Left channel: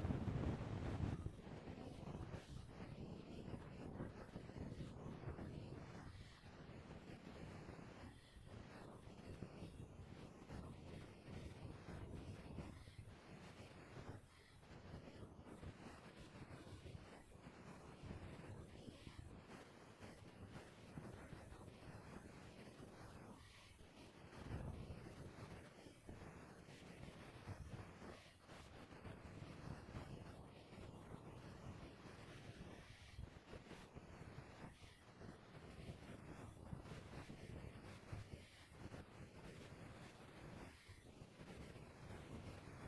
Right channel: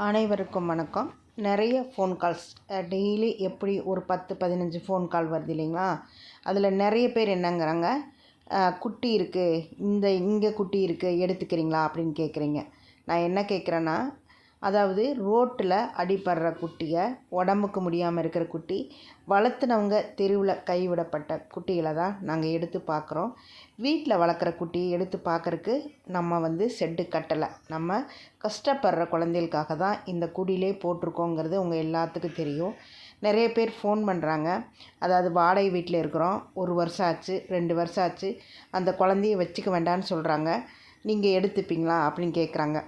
அனைவருக்கும் வணக்கம். நிறைய ஃபோன் கால்ஸ் டெய்லி எப்படி ஒரு 10-15 ஃபோன் கால் வருது இல்லைங்களா? அதில் நிறைய பேர் என்னங்கிறாங்க, குட்டி இருக்குது, இங்கே குட்டி இருக்குது, எடுத்துக்கிறீங்களா அப்படின்னு கேட்குறீங்க. நான் என்ன கேட்குறேன்னா, அதாவது ரோட்டில் அடிபடுற குட்டியை, உடம்புக்கு முடியாமல் இருக்கிற குட்டி, வளர்த்துனவங்க தெருவில் கைவிடப்பட்ட குட்டிகளை தான் நாங்கள் எடுத்து பார்க்குறோம். வீட்டில் வளர்க்குற குட்டியை எடுத்து பார்க்குறக்கு நம்ம செட்டு கட்டலை. நம்ம கஷ்டப்படுற குழந்தைகளுக்காக தான் இந்த குடிலே போட்டிருக்கோங்கிறது உங்கள் எல்லாத்துக்கும் தெரியும். நிறைய பேர் ஃபோன் பண்ணுறாங்க. அதாவது வாடகை வீட்டில் இருக்கிறோம், 1 வருஷம் ஆச்சு, 2 வருஷம் ஆச்சு, அந்த குழந்தைய வச்சுக்க வேண்டான்னு சொல்கிறாங்க, நீங்கள் எடுத்துப்பீங்களா அப்படின்னு கேட்குறாங்க.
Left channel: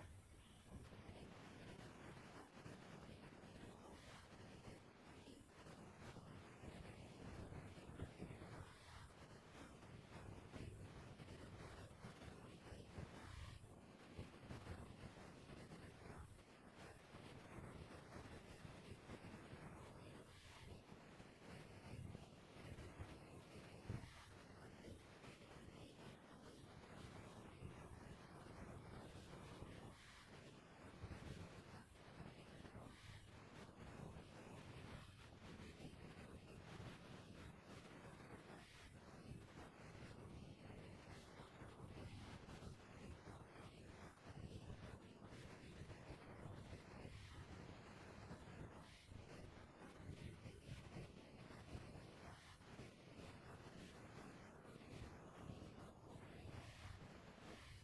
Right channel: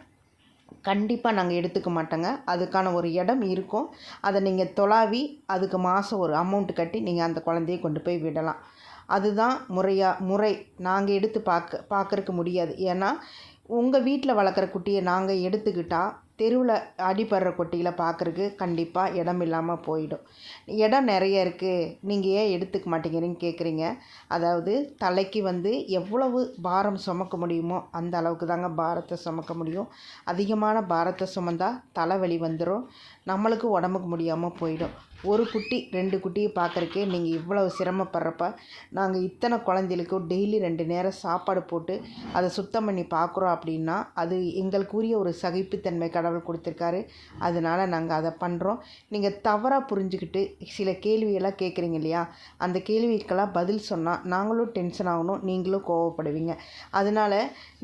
கண்டிப்பாக நாங்கள் எடுத்துக்க மாட்டோங்க. அதுக்கான ஒரு இடம் இருக்கும். அதை நீங்கள் தொலாவி அதுக்கு மாதம் ஒரு அமௌண்ட் கட்டி நீங்கள் அந்த குழந்தைய கொண்டு போய் விடலாம். அதுதான் முறை. நாங்கள் எடுத்து பார்க்கறக்கு முடியாது. ஏன்னா உங்கள் வீட்டில் வளர்க்குற குட்டியை நாங்கள் எடுத்துக்கிட்டால் தெருவில் அடிபடுற குட்டிகளை பார்க்குறக்கு கண்டிப்பாக இடம் இல்லாமல் போயிடும். இடம் நிறைய இருக்குது, நீங்கள் ஏன் எடுத்துக்க மாட்டேங்கிறீங்கன்னு கேட்குறீங்க. அதாவது தலைக்கு எவ்வளவு பாரம் சுமக்க முடியுமோ அந்த அளவுக்கு தாங்க பாரத்தை சுமக்க முடியும். அதிகமான பாரத்தை சுமந்தா தலைவலி வந்துடும், நம்மளுக்கு உடம்புக்கு முடியாமல் போயிடும். ஒரு குட்டி 2 குட்டியை பார்க்குறக்கே நீங்கள் இவ்வளவு சிரமப்படுறப்ப, நாங்கள் இத்தனை குழந்தைகளுக்கும் டெய்லி 2 நேரம் சாப்பாடு போட்டு அதை சுத்தம் பண்ணி பார்க்குறோம் அப்படின்னா, அது எங்களுக்குரிய ஒரு சகிப்புத்தன்மை கடவுள் கொடுத்துருக்காரு. அதனால் நாங்கள் அதை பண்ணுறோம். நீங்கள் தவறாக புரிஞ்சுக்கிட்டு சில கேள்வியெல்லாம் கேட்குறீங்க இல்லையா? அந்த கேள்விக்கெல்லாம் பதில் சொன்னால் நாங்களும் டென்ஷன் ஆகணும், நீங்களும் கோவப்படுவீங்க. அதனால்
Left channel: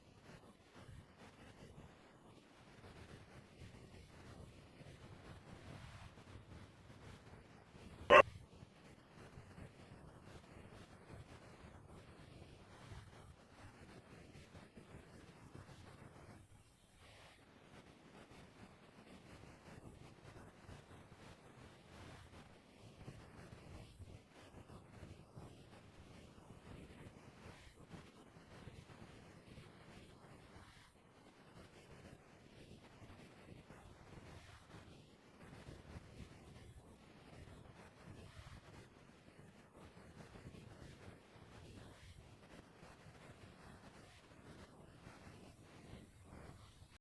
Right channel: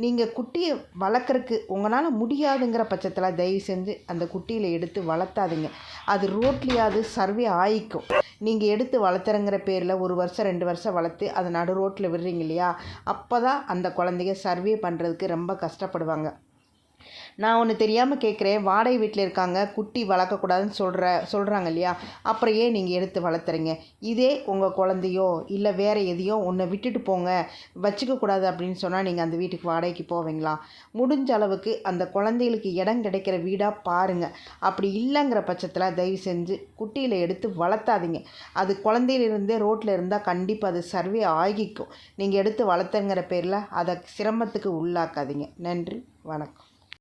நீங்கள் குட்டியை வளர்க்குறக்கு உங்களால் முடியாதுங்கிற பட்சத்தில் தயவு செஞ்சு அந்த குட்டியில் எடுத்து வளர்த்தாதீங்க. அது ரோட்லேயாவது சர்வே ஆயிக்கும். நீங்கள் எடுத்து வளர்த்துறங்கிற பேரில் 1 வருஷம் 2 வருஷம் வளர்த்து அதை நடு ரோட்டில் விடுறீங்க இல்லையா? அப்போ தான் அந்த குழந்தைங்க சர்வே பண்ணுறதுக்கு ரொம்ப கஷ்டப்படுவாங்க. நான் ஒன்று தெரியாமல் கேட்குறேன், வாடகை வீட்டில் இருக்காங்க, குட்டி வளர்க்கக்கூடாதுன்னு சொல்கிறாங்க இல்லையா? அப்புறம் ஏன் நீங்கள் எடுத்து வளர்த்துறீங்க? இதே உங்கள் குழந்தையோ இல்லை வேறு எதையோ ஒன்றை விட்டுட்டு போங்க, வச்சுக்கக்கூடாது அப்படின்னு சொன்னால் நீங்கள் அந்த வீட்டுக்கு வாடகைக்கு போவீங்களா? முடிஞ்ச அளவுக்கு அந்த குழந்தைகளுக்கு இடம் கிடைக்கிற வீடாக பாருங்கள். அப்படி இல்லைங்கிற பட்சத்தில் தயவு செஞ்சு குட்டியில் எடுத்து வளர்த்தாதீங்க. அது குழந்தையிலிருந்தே ரோட்டில் இருந்தால் கண்டிப்பாக அது சர்வே ஆகிக்கும். நீங்கள் எடுத்து வளர்த்துங்கிற பேரில் அதை சிரமத்துக்கு உள்ளாக்காதீங்க. நன்றி, வணக்கம்.